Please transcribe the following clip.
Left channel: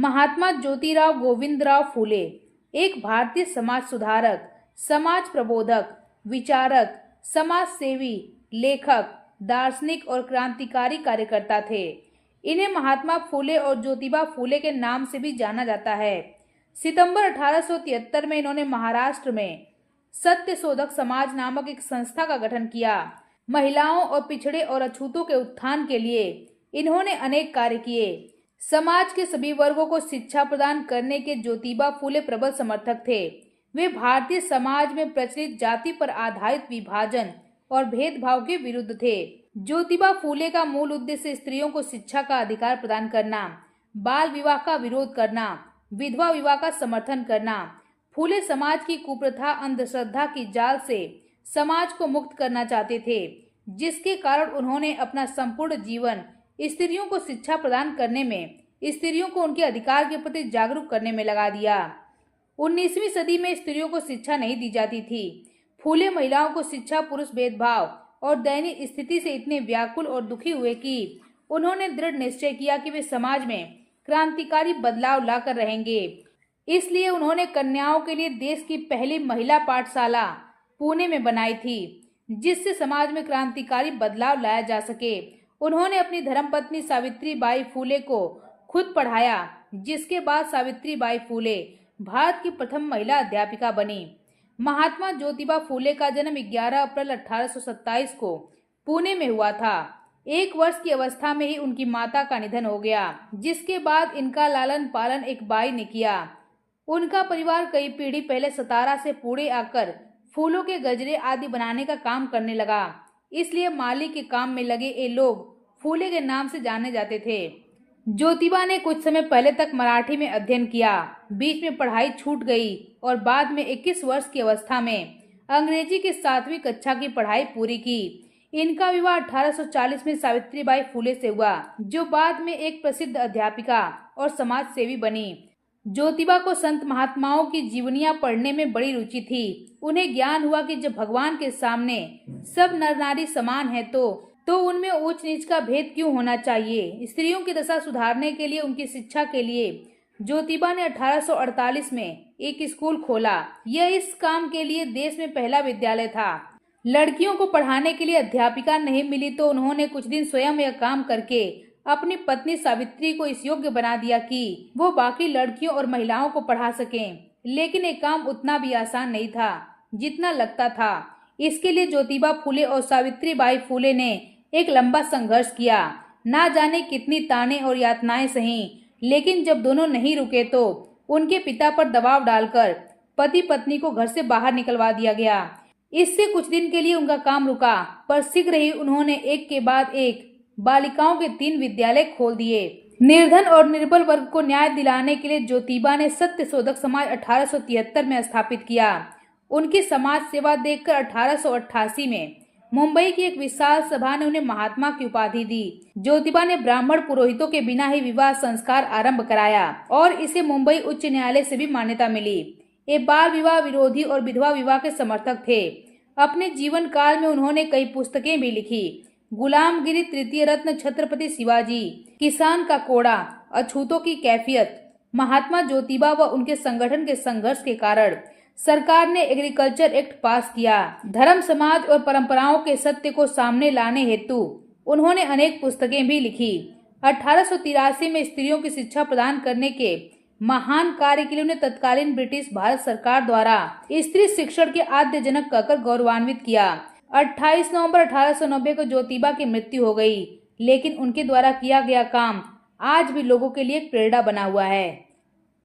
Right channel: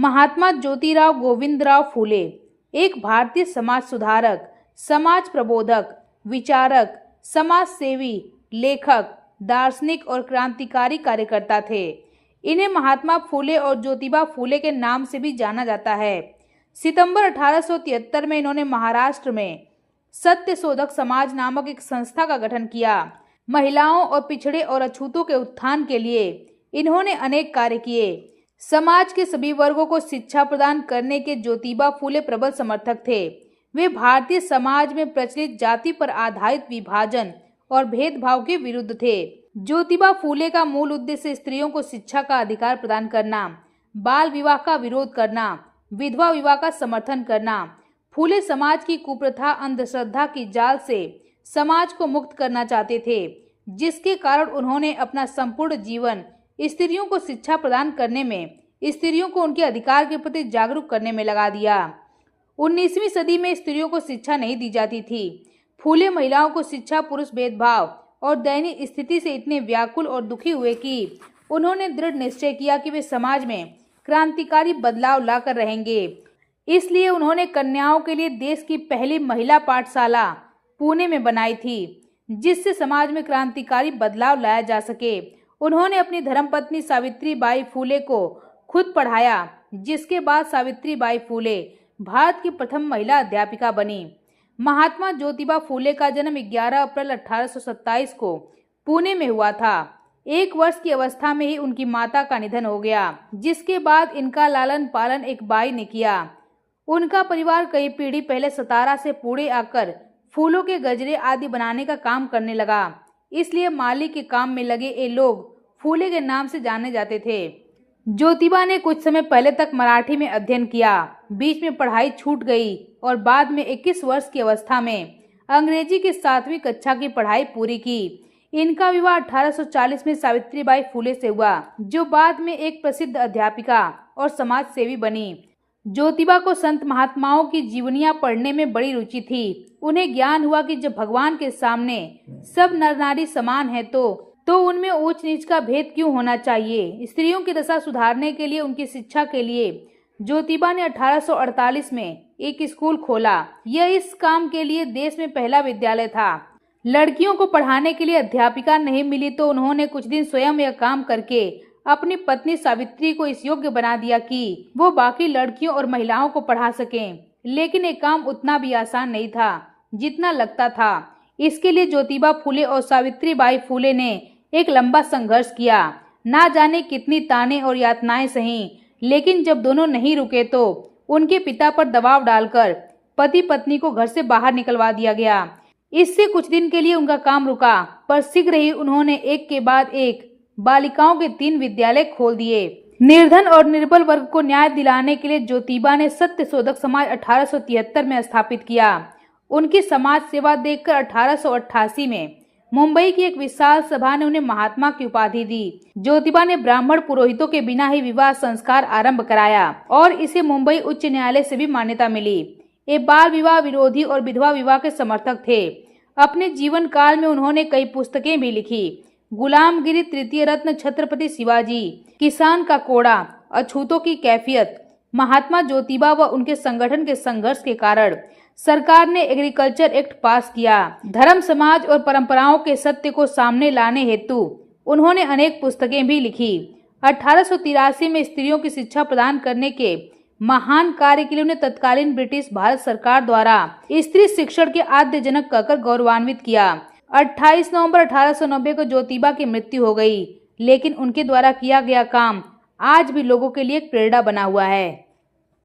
महात्मा ज्योतिराव गोविंदराव फूले एक भारतीय समाज सुधारक, समाज प्रबोधक, विचारक, समाज सेवी, लेखक, दार्शनिक और क्रांतिकारी कार्यकर्ता थे। इन्हें महात्मा फूले और ज्योतिबा फूले के नाम से भी जाना जाता है। सितंबर 1873 में इन्होंने महाराष्ट्र में सत्यशोधक समाज नामक एक संस्था का गठन किया। महिलाओं और पिछड़े और अछूतों के उत्थान के लिए इन्होंने अनेक कार्य किए। समाज के सभी वर्गों को शिक्षा प्रदान करने के ज्योतिबा फूले प्रबल समर्थक थे। वे भारतीय समाज में प्रचलित जाति पर आधारित विभाजन और भेदभाव के विरुद्ध थे। ज्योतिबा फूले का मूल उद्देश्य स्त्रियों को शिक्षा का अधिकार प्रदान करना, बाल विवाह का विरोध करना, विधवा विवाह का समर्थन करना। फूले समाज की कुप्रथा, अंधश्रद्धा की जाल से समाज को मुक्त करना चाहते थे, जिसके कारण उन्होंने अपना संपूर्ण जीवन स्त्रियों को शिक्षा प्रदान करने में, स्त्रियों को उनके अधिकार के प्रति जागरूक करने में लगा दिया। 19वीं सदी में स्त्रियों को शिक्षा नहीं दी जाती थी। फूले महिलाओं को शिक्षा, पुरुष भेदभाव और दयनीय स्थिति से इतने व्याकुल और दुखी हुए कि उन्होंने दृढ़ निश्चय किया कि वे समाज में क्रांतिकारी बदलाव लाकर रहेंगे। इसलिए उन्होंने कन्याओं के लिए देश की पहली महिला पाठशाला पुणे में बनाई थी, जिससे समाज में क्रांतिकारी बदलाव लाया जा सके। उन्होंने अपनी धर्मपत्नी सावित्रीबाई फूले को खुद पढ़ाया, जिसके बाद सावित्रीबाई फूले भारत की प्रथम महिला अध्यापिका बनी। महात्मा ज्योतिबा फूले का जन्म 11 अप्रैल 1827 को पुणे में हुआ था। 1 वर्ष की अवस्था में ही उनकी माता का निधन हो गया, जिसके बाद इनका लालन पालन एक बाई ने किया। उनका परिवार कई पीढ़ी पहले सतारा से पुणे आकर फूलों के गजरे आदि बनाने का काम करने लगा। इसलिए माली के काम में लगे ये लोग फूले के नाम से जाने जाते थे। ज्योतिबा ने कुछ समय पहले तक मराठी में अध्ययन किया, बीच में पढ़ाई छूट गई और बाद में 21 वर्ष की अवस्था में अंग्रेजी की 7वीं कक्षा की पढ़ाई पूरी की। इनका विवाह 1840 में सावित्रीबाई फूले से हुआ, जो बाद में एक प्रसिद्ध अध्यापिका और समाज सेवी बनी। ज्योतिबा को संत महात्माओं की जीवनियां पढ़ने में बड़ी रुचि थी। उन्हें ज्ञान हुआ कि जब भगवान के सामने सब नर नारी समान है तो उनमें ऊंच नीच का भेद क्यों होना चाहिए। स्त्रियों की दशा सुधारने के लिए, उनकी शिक्षा के लिए ज्योतिबा ने 1848 में एक स्कूल खोला। यह इस काम के लिए देश में पहला विद्यालय था। लड़कियों को पढ़ाने के लिए अध्यापिका नहीं मिली तो उन्होंने कुछ दिन स्वयं यह काम करके अपनी पत्नी सावित्री को इस योग्य बना दिया कि वो बाकी लड़कियों और महिलाओं को पढ़ा सकें। लेकिन ये काम उतना भी आसान नहीं था जितना लगता था। इसके लिए ज्योतिबा फूले और सावित्रीबाई फूले ने एक लंबा संघर्ष किया। ना जाने कितनी ताने और यातनाएं सही, लेकिन जब दोनों नहीं रुके तो उनके पिता पर दबाव डालकर पति पत्नी को घर से बाहर निकलवा दिया गया। इससे कुछ दिन के लिए उनका काम रुका, पर शीघ्र ही उन्होंने एक के बाद एक बालिकाओं के 3 विद्यालय खोल दिए। निर्धन और निर्बल वर्ग को न्याय दिलाने के लिए ज्योतिबा ने सत्यशोधक समाज 1873 में स्थापित किया। उनकी समाज सेवा देखकर 1888 में मुंबई की एक विशाल सभा ने उन्हें महात्मा की उपाधि दी। ज्योतिबा ने ब्राह्मण पुरोहितों के बिना ही विवाह संस्कार आरंभ कराया और इसे मुंबई उच्च न्यायालय से भी मान्यता मिली। ये बाल विवाह विरोधी और विधवा विवाह के समर्थक थे। अपने जीवन काल में उन्होंने कई पुस्तकें भी लिखी। गुलामगिरी, तृतीय रत्न, छत्रपति शिवाजी, किसान का कोड़ा, अछूतों की कैफियत। महात्मा ज्योतिबा व उनके संगठन के संघर्ष के कारण सरकार ने एग्रीकल्चर एक्ट पास किया। धर्म, समाज और परंपराओं के सत्य को सामने लाने हेतु उन्होंने अनेक पुस्तकें भी लिखी। 1883 में स्त्रियों की शिक्षा प्रदान करने के महान कार्य के लिए उन्हें तत्कालीन ब्रिटिश भारत सरकार द्वारा स्त्री शिक्षण के आद्य जनक कहकर गौरवान्वित किया। 28 नवंबर 1890 को ज्योतिबा की मृत्यु हो गई, लेकिन उनके द्वारा किया गया काम आज भी लोगों के लिए एक प्रेरणा बना हुआ है।